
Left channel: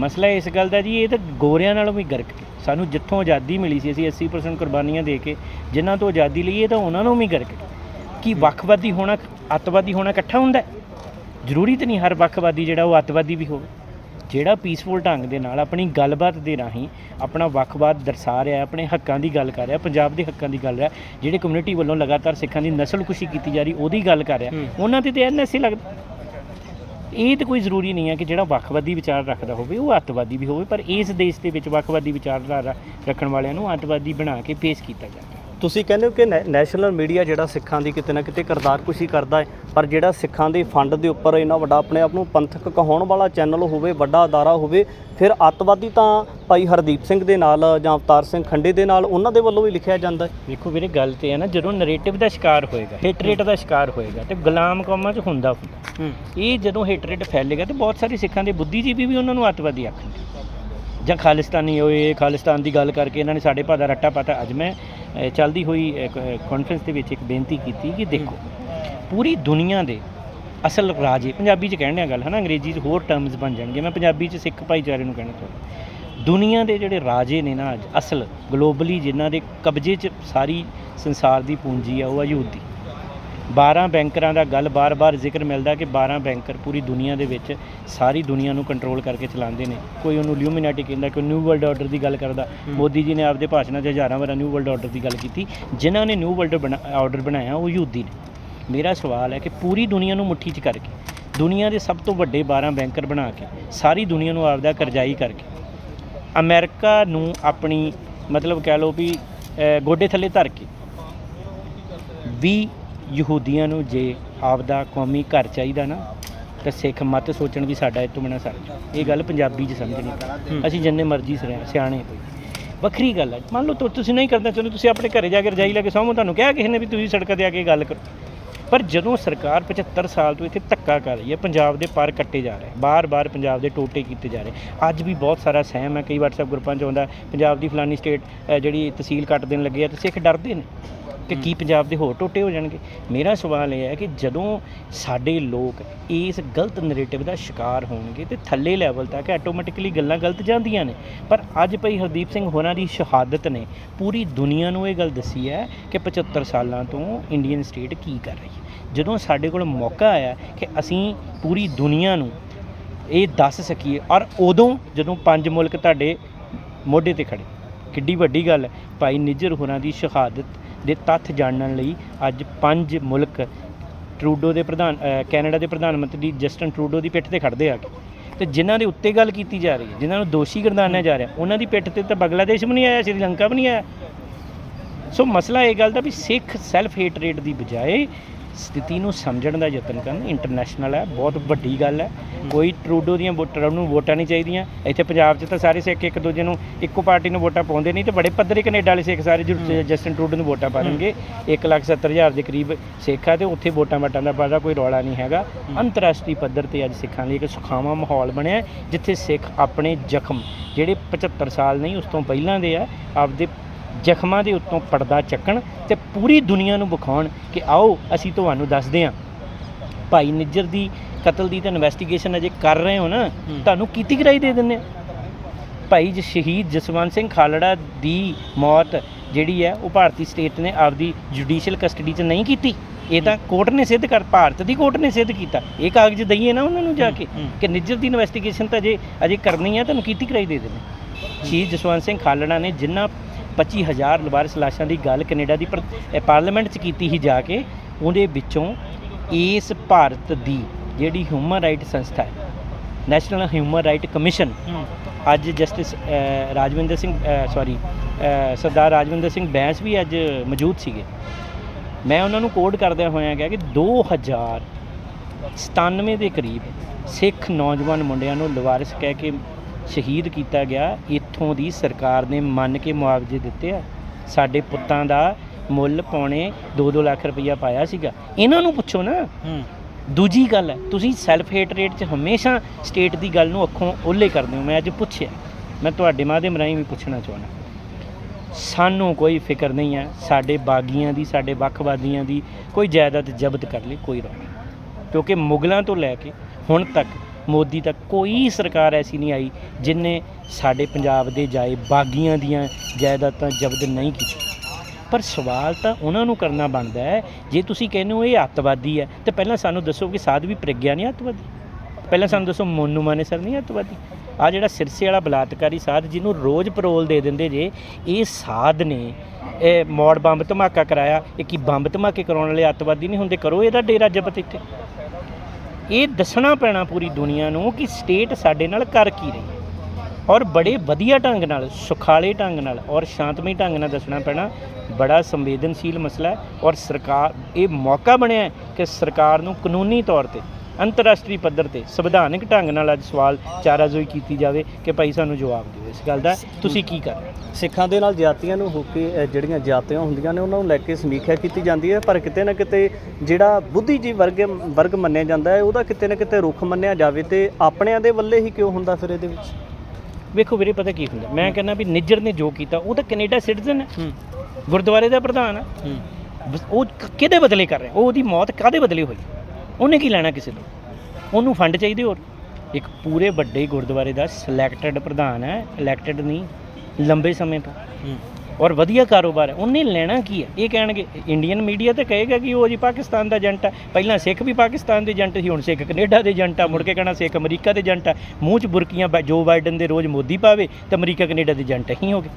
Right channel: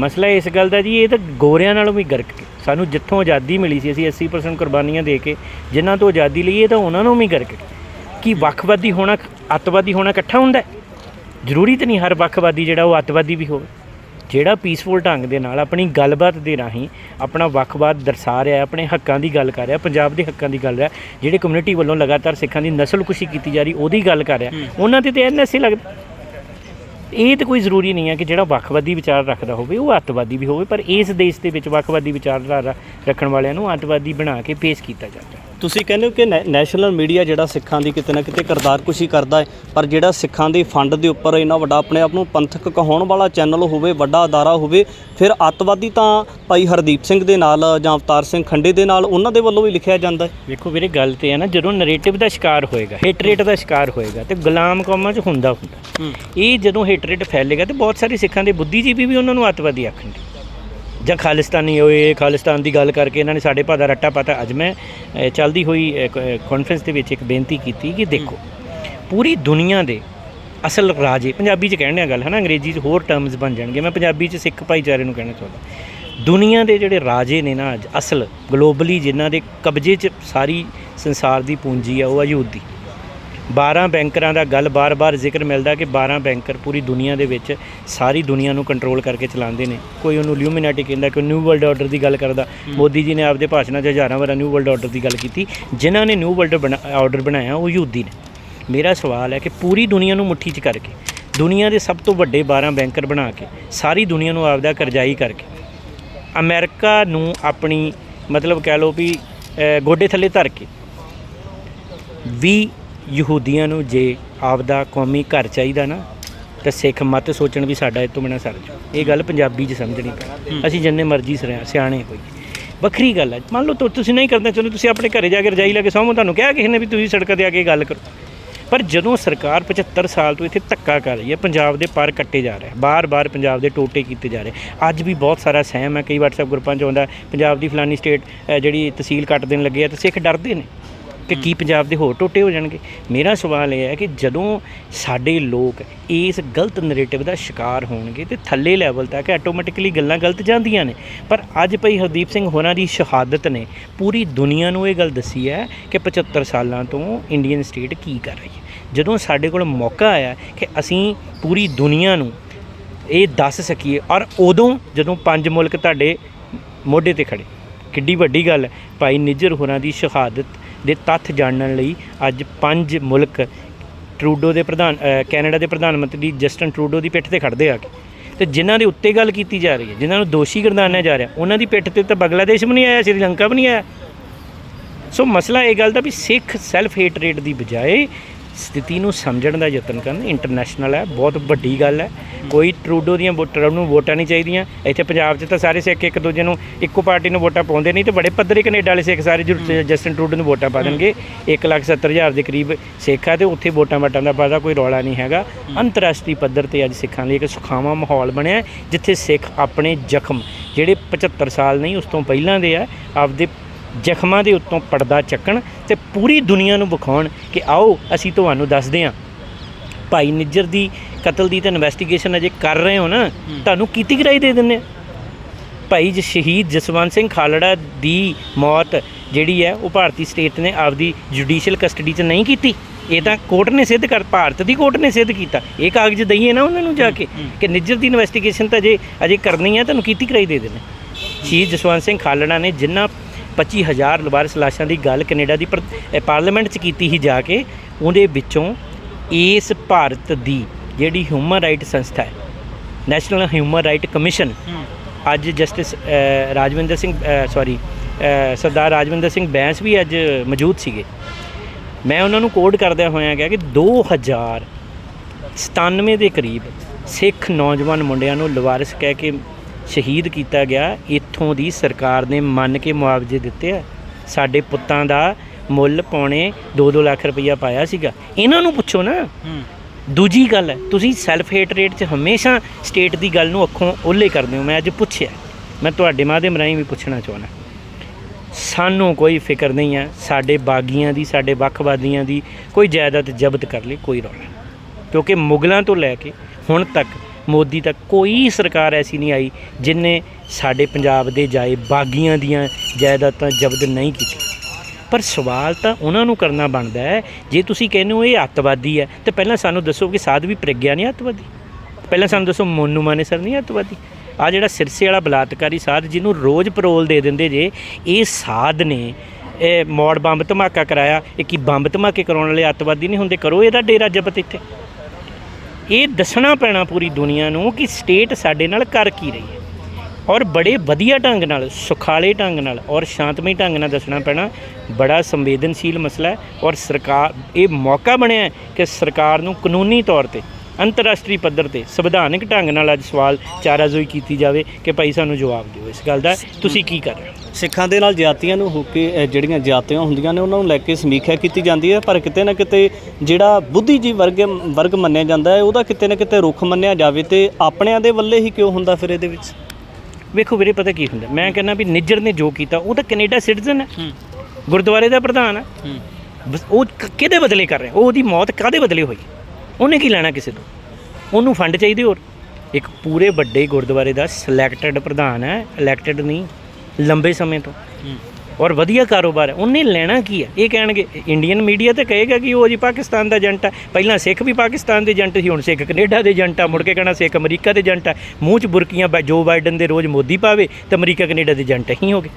ਮਸਲਾ ਇਸ ਗੱਲ ਦਾ ਜੀ, ਇਹ ਤਾਂ ਗੋਰਿਆਂ ਨਾਲੋਂ ਵੀ ਗਰਕ ਕੇ ਸਾਨੂੰ ਜਿੱਥੋਂ ਆਜ਼ਾਦੀ ਮਿਲੀ ਸੀ ਅਸੀਂ 80% ਕੁਰਬਾਨੀਆਂ ਦੇ ਕੇ ਜਿਨ੍ਹਾਂ ਤੋਂ ਆਜ਼ਾਦੀ ਲਈ, ਇਹ ਤਾਂ ਉਹਨਾਂ ਨੂੰ ਵੀ ਗਰਕ ਕਿ ਵੱਖਵਾਦੀ ਹੋਣਾ ਅੱਤਵਾਦੀ ਹੋਣਾ ਇਕੱਠਾ ਹੁੰਦਾ। ਜ਼ਰੂਰੀ ਤਾਂ ਨਹੀਂ ਹਰ ਵੱਖਵਾਦੀ ਜਿਹੜਾ ਉਹ ਅੱਤਵਾਦੀ ਵੀ ਹੋਵੇ। ਜਿਹੜਾ ਪੀਸਫੁਲ ਢੰਗ ਦੇ ਨਾਲ ਆਪਣੀ ਗੱਲਬਾਤ ਦੇ ਰਾਹੀਂ ਆਪਣਾ ਵੱਖਵਾਦ ਦਰਸਾ ਰਿਹਾ, ਆਪਣੇ ਹੱਕਾਂ ਦੀ ਗੱਲ ਕਰ ਰਿਹਾ, ਪੰਜਾਬ ਦੇ ਹੱਕਾਂ ਦੀ ਗੱਲ ਰਿਹਾ, ਜਿਹੜੇ ਕਮਿਊਨਿਟੀ ਵੱਲੋਂ ਲਗਾਤਾਰ ਸਿੱਖਾਂ ਦੀ ਨਸਲਕੁਸ਼ੀ ਕੀਤੀ ਜਾ ਰਹੀ ਉਹਦੀ ਗੱਲ ਕਰ ਰਿਹਾ, ਉਹਨਾਂ ਤੇ ਐਨਐਸਏ ਲੱਗਦਾ। ਇਹ ਤਾਂ ਕੋਈ ਜ਼ਰੂਰੀ ਨਹੀਂ ਹੈ ਕਿ ਜਿਹੜਾ ਵੱਖਵਾਦੀ ਵਿਚਾਰ ਰੱਖਦਾ ਹੋਵੇ ਉਹ ਅੱਤਵਾਦੀ ਵੀ ਹੋਵੇ, ਪਰ ਇਸ ਦੇਸ਼ ਦੇ ਵਿੱਚ ਵੱਖਵਾਦੀ ਵਿਚਾਰਧਾਰਾ ਰੱਖਣ ਵਾਲਿਆਂ ਨੂੰ ਅੱਤਵਾਦੀ ਬਣਾ ਕੇ ਪੇਸ਼ ਕੀਤਾ ਜਾਂਦਾ। ਤੁਸੀਂ ਕਹਿੰਦੇ ਹੋ ਕਿ ਨੈਸ਼ਨਲ ਮੀਡੀਆ ਜਿਹੜਾ ਸਿੱਖਾਂ ਦੀ ਕਿਤੇ ਨਾ ਕਿਤੇ ਕਿਰਦਾਰਕੁਸ਼ੀ ਕਰਦਾ ਹੈ, ਪਰ ਜਿਹੜਾ ਸਿੱਖਾਂ ਦੇ ਫੰਡ ਦੇ ਉੱਪਰ ਇੰਨਾ ਵੱਡਾ ਆਪਣੇ ਆਪ ਨੂੰ ਪੰਥਕ ਕਹਾਉਣ ਵਾਲਾ ਚੈਨਲ ਹੋਵੇ, ਵੱਡਾ ਅਦਾਰਾ ਹੋਵੇ, ਫਿਰ ਅੱਤਵਾਦੀ ਤਾਂ ਭਾਈ ਹਰਦੀਪ ਸਿੰਘ ਦੇ ਨਾਲ ਜਾਂ ਅਵਤਾਰ ਸਿੰਘ ਖੰਡੇ ਦੇ ਨਾਲ ਉਹਨਾਂ ਦੇ ਵੱਲੋਂ ਵੀ ਲਿਖਿਆ ਜਾਂਦਾ ਹੈ। ਦੇਖੋ ਵੀਰੇ, ਗੱਲ ਤੇ ਹੈ ਨਾ, ਜਦੋਂ ਨੈਰੇਟਿਵ ਦਾ ਸ਼ਿਕਾਰ ਹੋਏਗਾ, ਹੇਟਰੇਟ ਦਾ ਸ਼ਿਕਾਰ ਹੋਏਗਾ ਤੇ ਗੁਲਾਮ ਕੌਮਾਂ 'ਚ ਹੁੰਦਾ ਇਹ ਜਦੋਂ ਹੇਟਰੇਟ ਫੈਲੇਗਾ ਤੇ ਬਹੁਤ ਸਾਰੇ ਸਿੱਖਾਂ ਦੇ ਬੁੱਧੀਜੀਵੀ ਵੀ ਉਹਨਾਂ ਨੂੰ ਅੱਤਵਾਦੀ ਆਖਣਗੇ ਜਾਂ ਖਾਲਿਸਤਾਨੀ ਹੋਏ। ਖਾਲਿਸਤਾਨ ਦੀ ਗੱਲ ਕਰਕੇ ਇਹਨਾਂ ਨੇ ਸਾਡੇ ਭਾ ਦਾ ਰੱਟਾ ਪਾਤਾ। ਅੱਜ ਮੈਂ ਚੱਲਦੀ ਹੋਈ ਕਾਨਫਰੰਸ ਦੇ ਵਿੱਚ ਇੱਕ ਬੇਨਤੀ ਕੀਤੀ ਕਿ ਦੇਖੋ, ਪੂਰੀ ਦੁਨੀਆ ਦੇ ਅਸਲ ਰਾਜੇ, ਪੰਜਾਬੀ 'ਚ ਕਹਿਣ ਆ ਗੱਲ ਹੈ ਨਾ, ਅੰਗਰੇਜ਼ੀ 'ਚ ਹੋਰ ਟਰਮਸ ਬਣ ਜਾਣਗੇ, ਮੈਂ ਪੰਜਾਬੀ 'ਚ ਸਿੱਖ ਭਾਈਚਾਰੇ ਨੂੰ ਕਹਿਣਾ ਚਾਹੁੰਦਾ। ਦੁਨੀਆ ਦੇ ਜਿਹੜੇ ਰਾਜੇ ਨੇ ਨਾ ਅੱਜ ਅਸਲ ਗਲੋਬਲੀ ਜਿਨ੍ਹਾਂ ਦੇ ਕਬਜ਼ੇ 'ਚ ਸਾਰੀ ਸੰਸਾਰ ਦੀ ਪੂੰਜੀ ਆ, ਉਹ ਆ ਯਹੂਦੀ। 12 ਬੈਂਕਰਾਂ ਦਾ ਗੱਲ ਬਾਰ-ਬਾਰ ਜ਼ਿਕਰ ਮਿਲਦਾ ਕਿ 12 ਬੈਂਕਰ ਪੂਰੀ ਦੁਨੀਆ ਦੇ ਵਿੱਚ ਸਾਰੀ ਦੁਨੀਆ ਨੂੰ ਕੰਟਰੋਲ ਕਰਕੇ ਚਲਾਉਂਦੇ ਨੇ। ਕੋਈ ਉਹਨੂੰ ਲਿਊਮੀਨਾਟੀ ਕਹਿੰਦਾ, ਕੋਈ ਨਿਊ ਵਰਲਡ ਆਰਡਰ ਦੀ ਗੱਲ ਕਰਦਾ। ਮੋਦੀ ਜੀ ਨੇ ਆਪਦੇ ਭਾਸ਼ਣਾਂ 'ਚ ਹਜ਼ਾਰਾਂ ਵਾਰ ਨਿਊ ਵਰਲਡ ਆਰਡਰ ਦੀ ਗੱਲ ਕੀਤੀ। ਜਿਨ੍ਹਾਂ ਨੇ ਨਿਊ ਵਰਲਡ ਆਰਡਰ ਬਣਾਇਆ ਉਹ ਯਹੂਦੀ ਨੇ। ਮੇਰਾ ਸਵਾਲ ਹੈ ਕਿ ਪੂਰੀ ਦੁਨੀਆ ਨੂੰ ਮੁੱਠੀ 'ਚ ਕਰਕੇ, ਦੁਨੀਆ ਦੇ ਸਭ ਤੋਂ ਵੱਡੇ 12 ਬੈਂਕਰ ਬਣਾ ਕੇ, ਸਾਰੀ ਦੁਨੀਆ ਨੂੰ ਆਪਦਾ ਕਰਜ਼ਾਈ ਕਰਕੇ, ਅਮਰੀਕਾ ਨੂੰ ਆਪਣੀ ਮਤਲਬ ਕਹਿ ਲਓ ਵੀ ਗੋਡੇ ਥੱਲੇ ਧਰ ਕੇ ਵੀ ਯਹੂਦੀਆਂ ਨੂੰ ਜੇ ਆਪਦਾ ਕੌਮੀ ਘਰ ਚਾਹੀਦਾ ਨਾ ਤਾਂ ਸਿੱਖ ਮਤ ਸੋਚਣ ਵੀ ਸਾਡਾ ਇਹ ਤੋਂ ਬਿਨਾਂ ਸਰ ਜਾਊ। ਇਹ ਗੱਲ ਪੰਜਾਬੀ 'ਚ ਸਮਝਣੀ ਪੈਣੀ। ਅਸੀਂ ਜਿੰਨੇ ਮਰਜ਼ੀ ਸਿਆਣੇ ਕੋਈ ਵੱਖਰੀ ਗੱਲ ਹੈ। ਮੰਨ ਲਓ ਤੁਸੀਂ ਨਹੀਂ ਕਰਨਾ ਚਾਹੁੰਦੇ, ਤੁਸੀਂ ਆਪਣੇ ਘਰੇ ਜਾ ਕੇ ਰਜਾਈ ਲੈ ਕੇ ਸੌਂ, ਤੁਹਾਨੂੰ ਕਿਹਾ ਕਿਸੇ ਨੇ ਵੀ ਤੁਸੀਂ ਸੜਕਾਂ 'ਤੇ ਆ ਕੇ ਗੱਲ ਕਰੋ। ਪਰ ਜਦੋਂ ਸਰਕਾਰ 75 ਸਾਲ ਤੋਂ ਇੱਥੇ ਧੱਕਾ ਕਰ ਰਹੀ ਹੈ, ਪੰਜਾਬ ਦੇ ਪਰ ਕੱਟੇ ਜਾ ਰਹੇ, ਬਾਰ-ਬਾਰ ਪੰਜਾਬ ਦੇ ਟੋਟੇ ਕੀਤੇ ਜਾ ਰਹੇ। ਅੱਜ ਵੀ ਬਹੁਤ ਸਾਰਾ ਸਹਿਮ ਹੈ, ਕਈ WhatsApp ਗਰੁੱਪਾਂ 'ਚ ਆਉਂਦਾ ਪੰਜਾਬ ਦੀ ਫਲਾਨੀ ਸਟੇਟ ਜਿਹੜੀ ਤਹਿਸੀਲ ਕੱਟ ਦੇਣ ਲੱਗੇ ਆ, ਤਾਂ ਸਿੱਖ ਡਰਦੇ ਨੇ ਕਿ ਕੀ ਪੰਜਾਬ ਦੇ ਹੋਰ ਟੋਟੇ ਹੋ ਜਾਣਗੇ। ਮੇਰਾ ਸਵਾਲ ਇਹ ਹੈ ਕਿ ਜਦੋਂ ਸਾਡੇ ਲੋਕ ਇਸ ਗਲਤ ਨੈਰੇਟਿਵ ਦਾ ਸ਼ਿਕਾਰ ਹੋਣਗੇ ਤੇ ਥੱਲੇ ਲੈਵਲ ਤੱਕ ਆਟੋਮੈਟਿਕਲੀ ਗੱਲਾਂ ਗਲਤ ਜਾਂਦੀਆਂ ਨੇ। ਪਰ ਅੱਜ ਭਾਈ ਹਰਦੀਪ ਸਿੰਘ ਹੋਰਾਂ ਦੀ ਸ਼ਹਾਦਤ ਨੇ ਪੂਰੀ ਦੁਨੀਆ ਨੂੰ ਇਹ ਗੱਲ ਦੱਸੀ ਹੈ ਕਿ 75 ਸਾਲਾਂ ਤੋਂ ਇੰਡੀਅਨ ਸਟੇਟ ਕੀ ਕਰ ਰਹੀ ਹੈ। ਜਦੋਂ ਸਾਡੇ ਕੋਲ ਮੌਕਾ ਆਇਆ ਕਿ ਅਸੀਂ ਪੂਰੀ ਦੁਨੀਆ ਨੂੰ ਇਹ ਦੱਸ ਸਕੀਏ, ਔਰ ਉਦੋਂ ਜਦੋਂ 5 ਮੁਲਕ ਤੁਹਾਡੇ ਮੋਢੇ 'ਤੇ ਖੜੇ, ਕਿੱਡੀ ਵੱਡੀ ਗੱਲ ਹੈ। ਭਾਈ ਨਿੱਜਰ ਹੋਰਾਂ ਦੀ ਸ਼ਹਾਦਤ ਦੇ ਤੱਥ ਜਾਣਨ ਲਈ ਅੱਜ 5 ਮੁਲਕ ਟਰੂਡੋ ਦੇ ਕੈਨੇਡਾ ਦੇ ਪ੍ਰਧਾਨ ਮੰਤਰੀ ਜਸਟਨ ਟਰੂਡੋ ਦੀ ਪਿੱਠ 'ਤੇ ਖੜਦੇ ਆ ਕੇ, ਤੇ ਜਿਨ੍ਹਾਂ ਦੇ ਉੱਤੇ ਗੱਲ ਕੀਤੀ ਜਾ ਰਹੀ ਹੈ, ਜਿਨ੍ਹਾਂ ਨੂੰ ਦੋਸ਼ੀ ਗਰਦਾਨਿਆ ਜਾ ਰਿਹਾ, ਉਹਨਾਂ ਦੀ ਪਿੱਠ 'ਤੇ ਤਾਂ ਬੰਗਲਾਦੇਸ਼ ਵੀ ਨਹੀਂ ਆਇਆ, ਸ਼੍ਰੀਲੰਕਾ ਵੀ ਨਹੀਂ ਆਇਆ। ਸੋ ਮਸਲਾ ਇਹ ਗੱਲ ਦਾ ਵੀ ਸਿੱਖ ਸੈਲਫ ਹੇਟਰੇਟ ਦੀ ਬਜਾਏ ਸਥਿਤੀ ਨੂੰ ਸਮਝਣ ਦਾ ਯਤਨ ਕਰਨ। ਇੰਟਰਨੈਸ਼ਨਲ ਹੈ, ਬਹੁਤ ਵੱਡੀ ਗੱਲ ਹੈ। ਕੋਈ ਟਰੂਡੋ ਦੀਆਂ ਵੋਟਰਾਂ ਨੂੰ ਵੋਟਾਂ ਨਹੀਂ ਚਾਹੀਦੀਆਂ। ਇੱਥੇ ਪੰਜਾਬ 'ਚ ਤਾਂ ਸਾਰੇ ਸਿੱਖ ਇੱਕ ਦੂਜੇ ਨੂੰ ਇੱਕੋ ਪਾਰਟੀ ਨੂੰ ਵੋਟਾਂ ਪਾਉਂਦੇ ਨਹੀਂ, ਤੇ ਬੜੇ ਪੱਧਰੇ ਕੈਨੇਡਾ ਵਾਲੇ ਸਿੱਖ ਸਾਰੇ ਜਸਟਨ ਟਰੂਡੋ ਨੂੰ ਵੋਟਾਂ ਪਾ ਦੇਣਗੇ। 1,70,000 ਦੇ ਕਰੀਬ ਸਿੱਖ ਆ, ਤੇ ਉੱਥੇ ਵੋਟਾਂ ਵਾਟਾਂ ਦਾ ਪਾਦਾ ਕੋਈ ਰੌਲਾ ਨਹੀਂ ਹੈਗਾ। ਅੰਤਰਰਾਸ਼ਟਰੀ ਪੱਧਰ 'ਤੇ ਅੱਜ ਸਿੱਖਾਂ ਲਈ ਇੱਕ ਸੁਖਾਵਾਂ ਮਾਹੌਲ ਬਣਿਆ, ਜਿੱਥੇ ਸਿੱਖ ਆਪਣੇ ਜ਼ਖਮ ਜਿਹੜੇ 75 ਸਾਲ ਨਹੀਂ ਉਸ ਤੋਂ ਪਹਿਲਾਂ ਦੇ ਆ, ਆਪਦੇ ਜ਼ਖਮਾਂ ਦੇ ਉੱਤੋਂ ਪਰਦਾ ਚੱਕਣ ਤੇ ਪੂਰੀ ਦੁਨੀਆ ਨੂੰ ਵਿਖਾਉਣ ਕਿ ਆਓ ਅਸੀਂ ਤੁਹਾਨੂੰ ਦੱਸਦੇ ਹਾਂ। ਭਾਈ ਨਿੱਜਰ ਦੀ ਕਤਲ ਦੀ ਤਾਂ ਇਨਵੈਸਟੀਗੇਸ਼ਨ ਅਜੇ ਕਰ ਰਹੇ ਹੋ ਨਾ, ਤੁਹਾਨੂੰ ਕੀਤੀ ਕਰਾਈ ਦੇ ਦਿੰਦੇ। ਭਾਈ ਸ਼ਹੀਦ ਜਸਵੰਤ ਸਿੰਘ ਖਾਲੜਾ ਦੀ ਮੌਤ ਜਿਹੜੀ ਹੈ ਉਹ ਭਾਰਤੀ ਸਟੇਟ ਨੇ ਆਪਦੀ ਜੁਡੀਸ਼ੀਅਲ ਕਸਟਡੀ 'ਚ ਨਹੀਂ ਕੀਤੀ। ਇਹ ਤਾਂ ਕੋਰਟ ਨੇ ਸਿੱਧ ਕਰ, ਭਾਰਤ ਦੀ ਕੋਰਟ ਨੇ ਸਿੱਧ ਕੀਤਾ। ਇਹ ਕਾਗਜ਼ ਦਈਏ ਨਾ ਉਹਨਾਂ ਨੂੰ ਜਾ ਕੇ ਕਿ ਨਿੱਜਰ ਦੀ ਇਨਵੈਸਟੀਗੇਸ਼ਨ ਤਾਂ ਅਜੇ ਕਰਨੀ ਹੈ, ਤੁਹਾਨੂੰ ਕੀਤੀ ਕਰਾਈ ਦੇ ਦੇਣੇ। ਸ਼ਹੀਦ ਜਸਵੰਤ ਸਿੰਘ ਖਾਲੜਾ ਨੇ ਜਿੰਨਾ 25,000 ਲਵਾਰਿਸ ਲਾਸ਼ਾਂ ਦੀ ਗੱਲ ਕੈਨੇਡਾ ਦੀ ਪਾਰਲੀਮੈਂਟ 'ਚ ਕੀਤੀ ਸੀ ਜਾ ਕੇ, ਉਹਦੇ ਵਿੱਚੋਂ ਇਸ ਭਾਰਤ ਦੀ ਜਿਹੜੀ ਹਿਊਮਨ ਰਾਈਟ ਸੰਸਥਾ ਹੈ, ਨੈਸ਼ਨਲ ਹਿਊਮਨ ਰਾਈਟ ਕਮਿਸ਼ਨ, ਅੱਜ ਜਸਟਿਸ ਸਰਦਾਰ ਰਾਜਵਿੰਦਰ ਸਿੰਘ ਬੈਂਸ ਵੀ ਅੱਜ ਮੌਜੂਦ ਸੀਗੇ। ਮੈਂ ਉਹਨਾਂ ਨੂੰ ਕੋਡ ਕਰਦਿਆਂ ਹੋਇਆਂ ਕਿਹਾ ਕਿ 2097 ਦੇ ਕਰੀਬ ਸਿੱਖ ਨੌਜਵਾਨ ਮੁੰਡਿਆਂ ਨੂੰ ਲਵਾਰਿਸ ਕਹਿ ਕੇ ਸ਼ਹੀਦ ਕੀਤਾ ਗਿਆ। ਇੱਥੋਂ ਦੀ ਸਰਕਾਰ ਨੇ ਮੰਨ ਕੇ ਮੁਆਵਜ਼ੇ ਦਿੱਤੇ ਆ। ਸਾਡੇ ਪੁੱਤਾਂ ਦਾ ਮੁੱਲ ਪੌਣੇ 2-2 ਲੱਖ ਰੁਪਈਆ ਪਾਇਆ ਸੀਗਾ। ਇਹਨਾਂ ਨੂੰ ਪੁੱਛੋ ਨਾ, ਦੂਜੀ ਗੱਲ ਹੈ, ਤੁਸੀਂ ਸੈਲਫ ਹੇਟ ਰੇਟ 'ਚ ਹਮੇਸ਼ਾ ਸਟੇਟ ਦੀ ਗੱਲ ਨੂੰ ਅੱਖੋਂ ਓਹਲੇ ਕਰਦੇ ਹੋ। ਮੈਂ ਅੱਜ ਪੁੱਛਿਆ, ਮੈਂ ਤੁਹਾਡੇ ਮਾਧਿਅਮ ਰਾਹੀਂ ਵੀ ਪੁੱਛਣਾ ਚਾਹੁੰਦਾ, ਸਾਨੂੰ ਕੋਈ ਫਿਕਰ ਨਹੀਂ ਹੈ ਸਾਡੇ ਬਾਗੀਆਂ ਦੀ, ਸਾਡੇ ਵੱਖਵਾਦੀਆਂ ਦੀ ਕੋਈ ਜਾਇਦਾਦ ਜ਼ਬਤ ਕਰ ਲਈ, ਕੋਈ ਰੌਲਾ, ਕਿਉਂਕਿ ਮੁਗਲਾਂ ਤੋਂ ਲੈ ਕੇ ਹੁਣ ਤੱਕ ਮੋਦੀ ਤੱਕ ਕੋਈ ਸਰਕਾਰ ਐਸੀ ਨਹੀਂ ਆਈ ਜਿਨਨੇ ਸਾਡੇ ਪੰਜਾਬ ਦੇ ਜਾਏ ਬਾਗੀਆਂ ਦੀਆਂ ਜਾਇਦਾਦਾਂ ਜ਼ਬਤ ਨਹੀਂ ਕੀਤੀ। ਪਰ ਸਵਾਲ ਤਾਂ ਉਹਨਾਂ ਨੂੰ ਕਰਨਾ ਬਣਦਾ ਹੈ, ਜੇ ਤੁਸੀਂ ਕਹਿੰਦੇ ਹੋ ਇਹ ਅੱਤਵਾਦੀ ਹੈ ਤਾਂ ਪਹਿਲਾਂ ਸਾਨੂੰ ਦੱਸੋ ਕਿ ਸਾਧਵੀ ਪ੍ਰਗਿਆ ਨਹੀਂ ਅੱਤਵਾਦੀ, ਪਹਿਲਾਂ ਸਾਨੂੰ ਦੱਸੋ ਮੋਨੂ ਮਾਨੇਸਰ ਨਹੀਂ ਅੱਤਵਾਦੀ। ਆਹ ਜਿਹੜਾ ਸਿਰਸੇ ਵਾਲਾ ਬਲਾਤਕਾਰੀ ਸਾਧ ਜਿਹਨੂੰ ਰੋਜ਼ ਪਰੋਲ ਦੇ ਦਿੰਦੇ ਜੇ, ਇਹ ਸਾਧ ਨੇ ਇਹ ਮੌੜ ਬੰਬ ਧਮਾਕਾ ਕਰਾਇਆ, ਇਹ ਕੀ ਬੰਬ ਧਮਾਕੇ ਕਰਾਉਣ ਵਾਲੇ ਅੱਤਵਾਦੀ ਨਹੀਂ ਹੁੰਦੇ? ਕਰੋ ਇਹਦਾ ਡੇਰਾ ਜ਼ਬਤ ਇੱਥੇ। ਇਹ ਦੱਸਣਾ ਪੈਣਾ ਪੂਰੀ ਦੁਨੀਆ ਨੂੰ ਕਿ ਸਟੇਟ ਸਾਡੇ ਨਾਲ ਕਰ ਕੀ ਰਹੀ ਹੈ, ਔਰ ਬੜੇ ਵਧੀਆ ਢੰਗ ਨਾਲ, ਸੁਖਾਲੇ ਢੰਗ ਨਾਲ ਔਰ ਸ਼ਾਂਤਮਈ ਢੰਗ ਨਾਲ ਦੱਸਣਾ ਪੈਣਾ। ਬੜਾ ਸੰਵੇਦਨਸ਼ੀਲ ਮਸਲਾ ਹੈ ਔਰ ਸਰਕਾਰ, ਇਹ ਮੌਕਾ ਬਣਿਆ ਹੈ ਕਿ ਸਰਕਾਰ ਨੂੰ ਕਾਨੂੰਨੀ ਤੌਰ 'ਤੇ ਅੰਤਰਰਾਸ਼ਟਰੀ ਪੱਧਰ 'ਤੇ ਸੰਵਿਧਾਨਕ ਢੰਗ ਨਾਲ ਅੱਜ ਸਵਾਲ ਚਾਰਾਜ਼ੋਈ ਕੀਤੀ ਜਾਵੇ ਕਿ ਭਾਈ ਸਾਨੂੰ ਜਵਾਬ ਦਿਓ ਇਸ ਗੱਲ ਦਾ, ਤੁਸੀਂ ਕੀ ਕਰ ਰਹੇ ਹੋ। ਸਿੱਖਾਂ ਦੇ ਨਾਲ ਜਾਤੀਆਂ ਨੂੰ ਹੋ ਕੇ ਜਿਹੜੀਆਂ ਜਾਤੀਆਂ ਹੁੰਦੀਆਂ ਨੇ ਉਹਨਾਂ ਨੂੰ ਲੈ ਕੇ ਸਮੀਖਿਆ ਕੀਤੀ ਜਾਂਦੀ ਹੈ, ਪਰ ਕਿਤੇ ਨਾ ਕਿਤੇ ਜਿਹੜਾ ਬੁੱਧੀਜੀਵ ਵਰਗ ਮੰਨਿਆ ਜਾਂਦਾ ਹੈ ਉਹਦਾ ਕਿਤੇ ਨਾ ਕਿਤੇ ਰੁੱਖ ਮੰਨਿਆ ਜਾਵੇ, ਤੇ ਆਪਣਿਆਂ ਦੇ ਵੱਲੇ ਹੀ ਕਿਉਂ ਹੁੰਦਾ ਫਿਰ ਇਹਦੇ ਵਿੱਚ? ਵੇਖੋ ਵੀਰੇ, ਪਤਾ ਕੀ ਹੁੰਦਾ, ਮੈਂ ਕਹਿੰਦਾ ਵੀ ਨਿੱਜਰ ਨੇ ਜੋ ਕੀਤਾ ਉਹ ਤਾਂ ਕੈਨੇਡਾ ਸਿਟੀਜ਼ਨ ਹੈ, ਗੁਰਦੁਆਰੇ ਦਾ ਪ੍ਰਧਾਨ ਹੈ, ਉਹ ਕਿਹਦੇ ਬਦਲੇ ਕਰ ਰਿਹਾ? ਉਹਦੀ ਮੌਤ ਕਾਹਦੇ ਬਦਲੇ ਹੋਈ? ਉਹਨੇ ਕੀ ਲੈਣਾ ਕਿਸੇ ਤੋਂ? ਉਹਨੂੰ ਫੰਡ ਚਾਹੀਦੇ ਹੋਰ। ਇੱਕ ਪੂਰੇ ਵੱਡੇ ਗੁਰਦੁਆਰੇ ਦਾ ਸਿਲੈਕਟਡ ਪ੍ਰਧਾਨ ਹੈ, ਇਲੈਕਟਡ ਨਹੀਂ, ਲੰਬੇ ਸਮੇਂ ਤੋਂ, ਔਰ ਵਧੀਆ ਕਾਰੋਬਾਰ ਹੈ, ਉਹਨੇ ਲੈਣਾ ਕੀ ਹੈ? ਇਹ ਕਹਿਣਗੇ, ਇੰਡੀਅਨ ਮੀਡੀਆ ਤਾਂ ਕਹੇਗਾ ਕਿ ਉਹ ਜੀ ਪਾਕਿਸਤਾਨ ਦਾ ਏਜੰਟ ਹੈ, ਪਹਿਲਾਂ ਸਿੱਖ ਵੀ ਪਾਕਿਸਤਾਨ ਦੇ ਏਜੰਟ ਸੀ, ਹੁਣ ਸਿੱਖ ਕੈਨੇਡਾ ਦੇ ਏਜੰਟ ਆ, ਮੁੜ ਕੇ ਕਹਿਣਾ ਸਿੱਖ ਅਮਰੀਕਾ ਦੇ ਏਜੰਟ ਹੈ। ਮੂੰਹ 'ਚ ਬੁਰਕੀਆਂ ਜੋ ਬਾਈਡਨ ਦੇ ਰੋਜ਼ ਮੋਦੀ ਪਾਵੇ ਤਾਂ ਅਮਰੀਕਾ ਕੈਨੇਡਾ ਦੇ ਏਜੰਟ ਹੀ ਹੋ ਗਏ।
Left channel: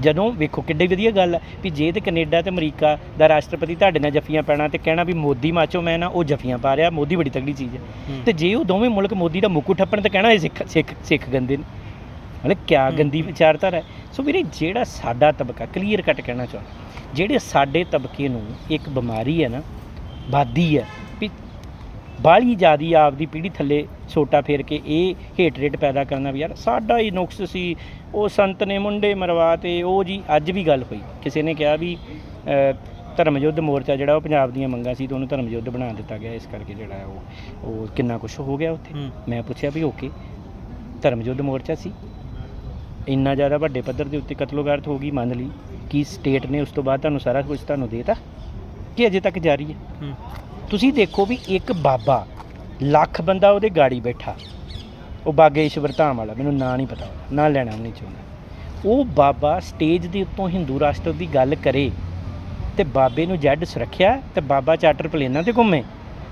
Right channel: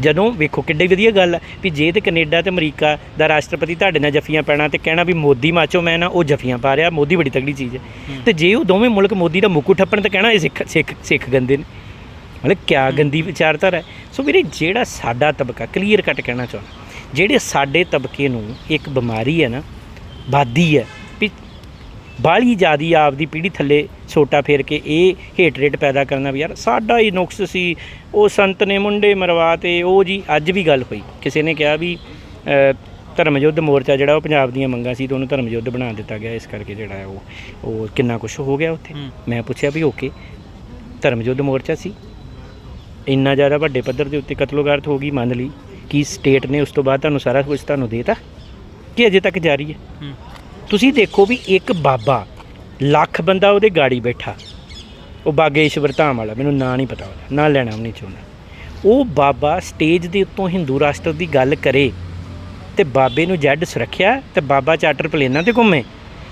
ਜਦੋਂ ਵੇਖੋ ਕਿੱਡੀ ਵਧੀਆ ਗੱਲ ਹੈ ਵੀ ਜੇ ਤਾਂ ਕੈਨੇਡਾ ਤੇ ਅਮਰੀਕਾ ਦਾ ਰਾਸ਼ਟਰਪਤੀ ਤੁਹਾਡੇ ਨਾਲ ਜੱਫੀਆਂ ਪੈਣਾ ਤੇ ਕਹਿਣਾ ਵੀ ਮੋਦੀ ਮਾਚੋ ਮੈਂ ਨਾ, ਉਹ ਜੱਫੀਆਂ ਪਾ ਰਿਹਾ, ਮੋਦੀ ਬੜੀ ਤਗੜੀ ਚੀਜ਼ ਹੈ, ਤੇ ਜੇ ਉਹ ਦੋਵੇਂ ਮੁਲਕ ਮੋਦੀ ਦਾ ਮੁੱਕੂ ਠੱਪਣ ਤੇ ਕਹਿਣਾ ਇਹ ਸਿੱਖ ਗੰਦੇ ਨੇ। ਮਤਲਬ ਕਿਆ ਗੰਦੀ ਵਿਚਾਰਧਾਰਾ ਹੈ। ਸੋ ਵੀਰੇ, ਜਿਹੜਾ ਸਾਡਾ ਤਬਕਾ, ਕਲੀਅਰ ਕੱਟ ਕਹਿਣਾ ਚਾਹੁੰਦਾ, ਜਿਹੜੇ ਸਾਡੇ ਤਬਕੇ ਨੂੰ ਇੱਕ ਬਿਮਾਰੀ ਹੈ ਨਾ, ਬਾਦੀ ਹੈ ਵੀ ਬਾਹਲੀ ਜ਼ਿਆਦੀ ਆਪਦੀ ਪੀੜ੍ਹੀ ਥੱਲੇ ਸੋਟਾ ਫੇਰ ਕੇ ਇਹ ਹੇਟ ਰੇਟ ਪੈਦਾ ਕਰਨਾ ਵੀ ਯਾਰ ਸਾਡਾ ਹੀ ਨੁਕਸ ਸੀ, ਉਹ ਸੰਤ ਨੇ ਮੁੰਡੇ ਮਰਵਾ ਤੇ ਉਹ ਜੀ। ਅੱਜ ਵੀ ਗੱਲ ਹੋਈ, ਕਿਸੇ ਨੇ ਕਿਹਾ ਵੀ ਧਰਮ ਯੁੱਧ ਮੋਰਚਾ ਜਿਹੜਾ ਉਹ ਪੰਜਾਬ ਦੀਆਂ ਮੰਗਾਂ ਸੀ ਤੇ ਉਹਨੂੰ ਧਰਮ ਯੁੱਧ ਬਣਾ ਦਿੱਤਾ ਗਿਆ, ਇਸ ਕਰਕੇ ਜਿਹੜਾ ਹੈ ਉਹ ਕਿੰਨਾ ਕੁਛ ਹੋ ਗਿਆ ਉੱਥੇ। ਮੈਂ ਪੁੱਛਿਆ ਵੀ ਓਕੇ, ਧਰਮ ਯੁੱਧ ਮੋਰਚਾ ਸੀ, ਇੰਨਾ ਜ਼ਿਆਦਾ ਵੱਡੇ ਪੱਧਰ ਦੇ ਉੱਤੇ ਕਤਲੋਗਾਰਤ ਹੋ ਗਈ, ਮੰਨ ਲਈ, ਕੀ ਸਟੇਟ ਨੇ ਉਸ ਤੋਂ ਬਾਅਦ ਤੁਹਾਨੂੰ ਸਾਰਾ ਕੁਝ ਤੁਹਾਨੂੰ ਦੇ ਤਾ ਕਿ ਅਜੇ ਤੱਕ ਜਾਰੀ ਹੈ? ਤੁਸੀਂ ਦੇਖੋ ਵੀ ਇੱਕ ਬਾਬਾ, ਲੱਖ ਬੰਦਾ ਉਹਦੇ ਗਾੜੀ ਬੈਠਾ, ਉਹ ਬਾਗੇਸ਼ਵਰ ਧਾਮ ਵਾਲਾ, ਮੈਨੂੰ ਨਾਂ ਨਹੀਂ ਪਤਾ, ਨਾਂ ਲੈਣਾ ਵੀ ਨਹੀਂ ਚਾਹੁੰਦਾ, ਉਹ ਬਾਬਾ ਸਟੇਜ ਦੇ ਉੱਤੋਂ ਹਿੰਦੂ ਰਾਸ਼ਟਰ ਦੀ ਗੱਲ ਕਰੇ ਤੇ ਬਾਬੇ ਨੂੰ ਜੱਡ ਸੁਰੱਖਿਆ ਤੇ ਬਾਬਾ ਚਾਰਟਰ ਪਲੇਨਾਂ 'ਤੇ ਘੁੰਮੇ।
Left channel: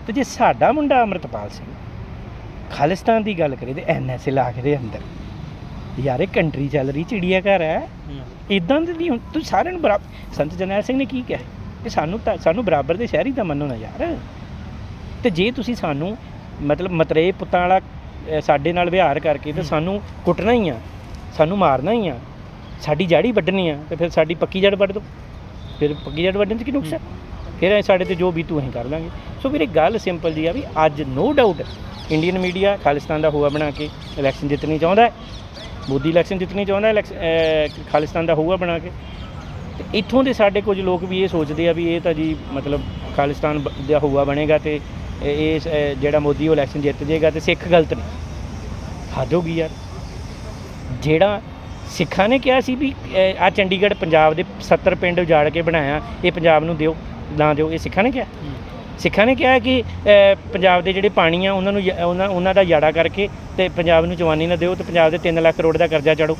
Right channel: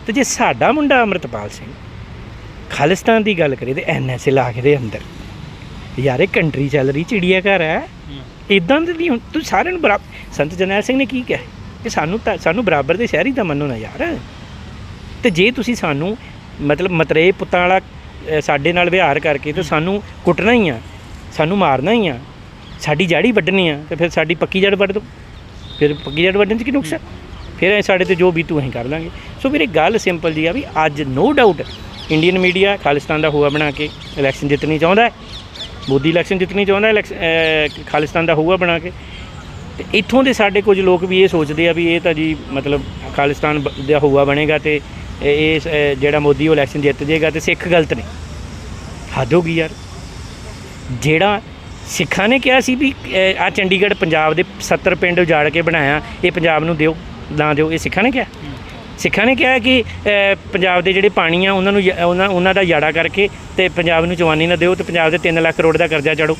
ਤੇ ਜੇ ਸਾਡਾ ਮੁੰਡਾ ਅੰਮ੍ਰਿਤਪਾਲ ਸਿੰਘ ਖਾਲਿਸਤਾਨ ਦੀ ਗੱਲ ਕਰੇ ਤੇ NSA ਲਾ ਕੇ ਦੇ ਅੰਦਰ, ਯਾਰ ਇਹ ਕੰਟਰੀ ਚੱਲ ਰਹੀ, ਚਿੜੀਆ ਘਰ ਹੈ, ਇੱਦਾਂ ਦੇ ਨਹੀਂ। ਤੁਸੀਂ ਸਾਰਿਆਂ ਨੂੰ ਬਰਾਬਰ, ਸੰਤ ਜਰਨੈਲ ਸਿੰਘ ਨੇ ਕੀ ਕਿਹਾ ਕਿ ਸਾਨੂੰ ਬਰਾਬਰ ਦੇ ਸ਼ਹਿਰੀ ਤਾਂ ਮੰਨੋ ਨਾ ਯਾਰ। ਤੇ ਜੇ ਤੁਸੀਂ ਸਾਨੂੰ ਮਤਲਬ ਮਤਰੇਏ ਪੁੱਤਾਂ ਵਾਲਾ ਸਾਡੇ ਨਾਲ ਵਿਹਾਰ ਕਰਕੇ ਤੇ ਸਾਨੂੰ ਕੁੱਟਣਾ ਹੀ ਆ, ਸਾਨੂੰ ਮਾਰਨਾ ਹੀ ਆ, ਸਾਡੀ ਜੜ ਵੱਢਣੀ ਆ, ਤੇ ਫਿਰ ਸਾਡੀ ਪੱਕੀ ਜੜ ਵੱਢ ਦਿਓ। ਫਿਰ ਪੱਕੀ ਜੜ ਵੱਢਣ 'ਚ ਕੀ ਨੁਕਸ ਹੈ? ਫਿਰ ਸਾਡੇ ਤੇ ਜੋ ਬੀਤੂ ਅਸੀਂ ਕਰ ਲਾਂਗੇ। ਸੋ ਮੇਰੀ ਗੱਲ ਸਿੰਪਲ ਜੀ ਆ ਵੀ ਅੱਜ no doubt Indian media Khalistan ਦਾ ਹੋਆ ਬਣਾ ਕੇ ਇਲੈਕਸ਼ਨ ਜਿੱਤਣੀ ਚਾਹੁੰਦਾ ਹੈ, ਮੋਦੀ ਇਲੈਕਸ਼ਨ ਜਿੱਤਣੀ ਚਾਹੁੰਦਾ, ਖਾਲਿਸਤਾਨ ਦਾ ਹੋਆ ਬਣਾ ਕੇ। ਤੇ ਇੱਥੋਂ ਦੇ ਸਾਡੇ ਕੁਝ ਲੋਕ ਵੀ ਇਹ ਸੋਚਦੇ ਆ ਵੀ ਇਹ ਤਾਂ ਜੀ ਮਤਲਬ ਖਾਲਿਸਤਾਨ ਦਾ ਹੋਆ ਬਣੇਗਾ ਤੇ ਇਹ ਜਿਹੜਾ ਮੋਦੀ ਉਹ ਇਲੈਕਸ਼ਨ ਜਿੱਤ ਜਾਏਗਾ ਤੇ ਸਿੱਖ ਗਲਤ ਨੇ। ਹੱਦ ਹੋ ਗਈ ਯਾਰ। ਜਿਹੜਾ ਸਿੱਖਾਂ ਨੇ ਕਿਹਾ ਸੀ ਵੀ ਆਹ ਚੰਡੀਗੜ੍ਹ ਪੰਜਾਬ ਦੇ 70 ਪਿੰਡ ਉਜਾੜ ਕੇ ਬਣਾਇਆ, ਇਹ ਪੰਜਾਬ ਨੂੰ ਦਿਓ ਨਾ ਦਿਓ, ਇਹ ਸਿੱਖਾਂ ਨੇ ਕਿਹਾ? ਸਿੱਖਾਂ ਨੇ ਕਿਹਾ ਕਿ ਪੰਜਾਬ ਦੇ ਜਿਹੜੇ ਪਾਣੀ ਆ ਉਹਨਾਂ ਨੂੰ ਉਹਨਾਂ ਦਾ ਯਾੜਾ ਕਰਕੇ ਤੇ ਪੰਜਾਬ ਨੂੰ ਚਵਾਨੀ ਨਾ ਦਿਓ ਤੇ ਪੰਜਾਬ ਦੇ 3 ਲੱਖ ਕਰੋੜ ਦਾ ਕਰਜ਼ਾ ਚਾੜੋ।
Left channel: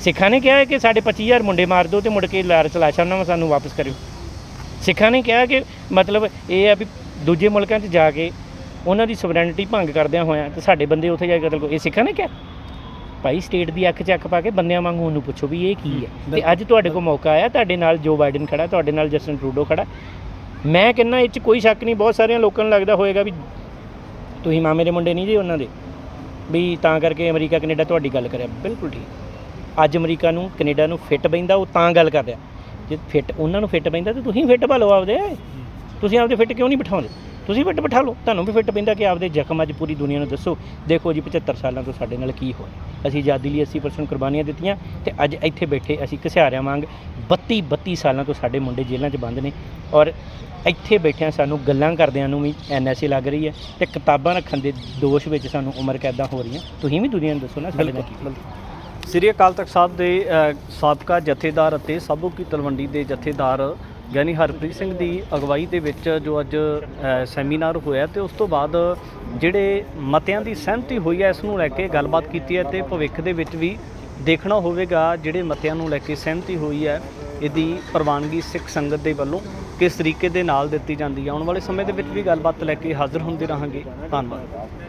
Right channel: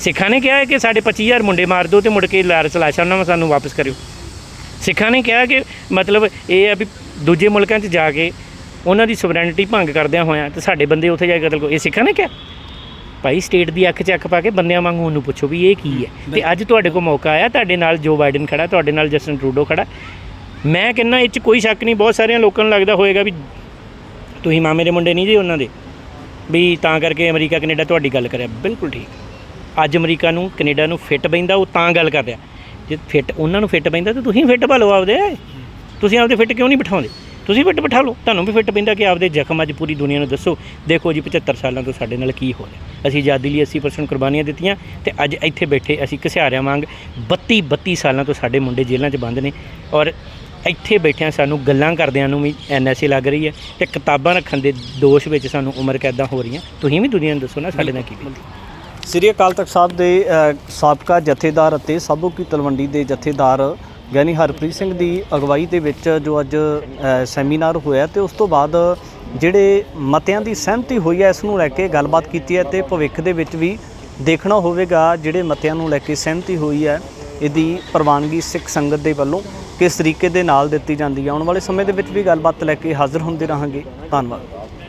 ਸਿੱਖਾਂ ਨੇ ਕਿਹਾ ਕਿ ਸਾਡੇ 25,000 ਮੁੰਡੇ ਮਾਰ ਦਿਓ ਤੇ ਮੁੜ ਕੇ ਲਾਸ਼ਾਂ ਉਹਨਾਂ ਸਾਨੂੰ ਵਾਪਸ ਕਰਿਓ। ਸਿੱਖਾਂ ਨੇ ਕਿਹਾ ਕਿ ਮਤਲਬ ਇਹ ਆ ਵੀ ਦੂਜੇ ਮੁਲਕਾਂ 'ਚ ਜਾ ਕੇ ਉਹਨਾਂ ਦੀ ਸੋਵਰੈਨਿਟੀ ਭੰਗ ਕਰਦਿਆਂ ਹੋਇਆਂ ਤੇ ਸਾਡੇ ਬੰਦੇ ਉੱਥੇ ਜਾ ਕੇ ਕਤਲ ਕਰੋ, ਇਹ ਸਿੱਖਾਂ ਨੇ ਕਿਹਾ? ਭਾਈ ਸਟੇਟ ਦੀ ਅੱਖ 'ਚ ਅੱਖ ਪਾ ਕੇ ਬੰਦਿਆਂ ਵਾਂਗੂ ਉਹਨੂੰ ਪੁੱਛੋ ਵੀ ਇਹ ਕੀ ਹੈ। ਤੇ ਅੱਜ ਤੁਹਾਡੇ ਕੋਲ ਮੌਕਾ ਆਇਆ, ਤੁਹਾਡੇ ਨਾਲ ਜੋ ਬਾਈਡਨ ਖੜਾ, ਤੁਹਾਡੇ ਨਾਲ ਜਸਟਿਨ ਟਰੂਡੋ ਖੜਾ। ਮੈਂ ਕਹਿੰਦਾ ਇਹ 'ਚ ਕੋਈ ਸ਼ੱਕ ਨਹੀਂ, ਬਹੁਤ ਸਾਰਿਆਂ ਲੋਕਾਂ ਨੂੰ ਲੱਗਦਾ ਹੋਏਗਾ ਵੀ ਤੁਸੀਂ ਮਾਮੇ ਦੇ ਮੁੰਡੇ ਨਹੀਂ ਜੀ ਉਹਨਾਂ ਦੇ, ਵੀ ਤਾਂ ਕਰਕੇ ਅਮਰੀਕਾ ਕੈਨੇਡਾ ਤੁਹਾਡੀ ਗੱਲ ਕਰਿਆ। ਬਿਲਕੁਲ ਠੀਕ। ਅੱਜ ਅਮਰੀਕਾ ਨੂੰ ਕੈਨੇਡਾ ਨੂੰ ਫਿੱਟ ਪੈਂਦਾ, ਉਹ ਤਾਂ ਗੱਲ ਕਰ ਰਿਹਾ। ਜੇ ਫਿੱਟ ਉਹਨਾਂ ਨੂੰ ਫਿੱਟ ਪੈਂਦਾ ਤਾਂ ਤੁਸੀਂ ਫਿੱਟ ਪਾ ਲਓ ਆਪਦੇ। ਤੁਸੀਂ ਆਪਦੇ ਫਿੱਟ ਕਿਉਂ ਨਹੀਂ ਬਿਠਾਉਂਦੇ? ਤੁਸੀਂ ਫਿੱਟ ਬਿਠਾ ਲਓ, ਤੁਹਾਨੂੰ ਵੀ ਫਿੱਟ ਪੈਂਦਾ ਕਿ ਆਪਦੇ ਜ਼ਖਮ ਅੱਜ ਪੂਰੀ ਦੁਨੀਆ ਨੂੰ ਦੱਸੋ। ਦੇਖੋ ਜੀ 75 ਸਾਲਾਂ ਤੋਂ ਸਾਡੇ ਨਾਲ ਕੀ ਹੋਇਆ। ਅਸੀਂ ਆਜ਼ਾਦੀ ਲਈ 80% ਕੁਰਬਾਨੀਆਂ ਦਿੱਤੀਆਂ ਤੇ ਅੱਜ ਇੱਥੇ ਬੈਠੇ ਅਸੀਂ ਘਸਿਆਰਿਆਂ ਵਾਂਗ 32 ਸਾਲਾਂ ਤੋਂ ਸਾਡੇ ਮੁੰਡੇ ਜੇਲ੍ਹਾਂ 'ਚ ਬੰਦ ਨੇ। ਔਰ ਇੱਥੇ ਬੈਠਿਆਂ ਸਾਨੂੰ ਗੱਲਾਂ ਕਰਦਿਆਂ ਨੂੰ ਵੀ NSA ਲੱਗ ਰਹੀ ਹੈ ਤੇ ਕਿਤਾਬਾਂ ਰੱਖਣ ਦੇ ਦੋਸ਼ ਵਿੱਚ ਸਾਨੂੰ ਉਮਰ ਕੈਦਾਂ ਹੋ ਰਹੀਆਂ। ਤੁਸੀਂ ਵੀ ਦੁਨੀਆ ਨੂੰ ਦੱਸੋ ਨਾ ਸਾਡੇ ਨਾਲ ਕੀ ਬੀਤੀ। ਸ੍ਰੀ ਅਕਾਲ ਤਖਤ ਸਾਹਿਬ ਦੇ ਸਾਬਕਾ ਜਥੇਦਾਰ ਅਤੇ ਸਾਬੋ ਕੀ ਤਲਵੰਡੀ ਦੇ ਜਥੇਦਾਰ ਗਿਆਨੀ ਹਰਪ੍ਰੀਤ ਸਿੰਘ ਦੀ ਅਗਵਾਈ ਦੇ ਵਿੱਚ ਜੋ ਅੱਜ ਸੈਮੀਨਾਰ ਹੋਇਆ ਤੇ ਉਸ ਤੋਂ ਬਾਅਦ ਜਿਹੜੇ ਮਤਿਆਂ ਦੀ ਸਹਿਮਤੀ ਹੋਈ ਹੈ ਇਸ ਨੂੰ ਲੈ ਕੇ ਗੱਲਬਾਤ ਕੀਤੀ ਹੈ ਤੇ ਭਵਿੱਖ ਦੇ ਵਿੱਚ ਵੀ ਦੇਖਣਾ ਹੋਵੇਗਾ ਜਿਹੜੇ ਮਤਿਆਂ ਨੂੰ ਲੈ ਕੇ ਸਹਿਮਤੀ ਹੋਈ ਹੈ ਇਹਦੀ ਪ੍ਰਵਾਨਗੀ ਸਿੱਖ ਸੰਗਤ ਦੇ ਵੱਲੋਂ ਕਿਸ ਤਰੀਕੇ ਦੇ ਨਾਲ ਦਿੱਤੀ ਜਾਂਦੀ ਹੈ। ਆਉਣ ਵਾਲੇ ਸਮੇਂ ਦੇ ਵਿੱਚ ਵੀ ਗੱਲਬਾਤ ਲੈ ਕੇ ਹਾਜ਼ਰ ਹੁੰਦੇ ਰਹਾਂਗੇ। ਧੰਨਵਾਦ।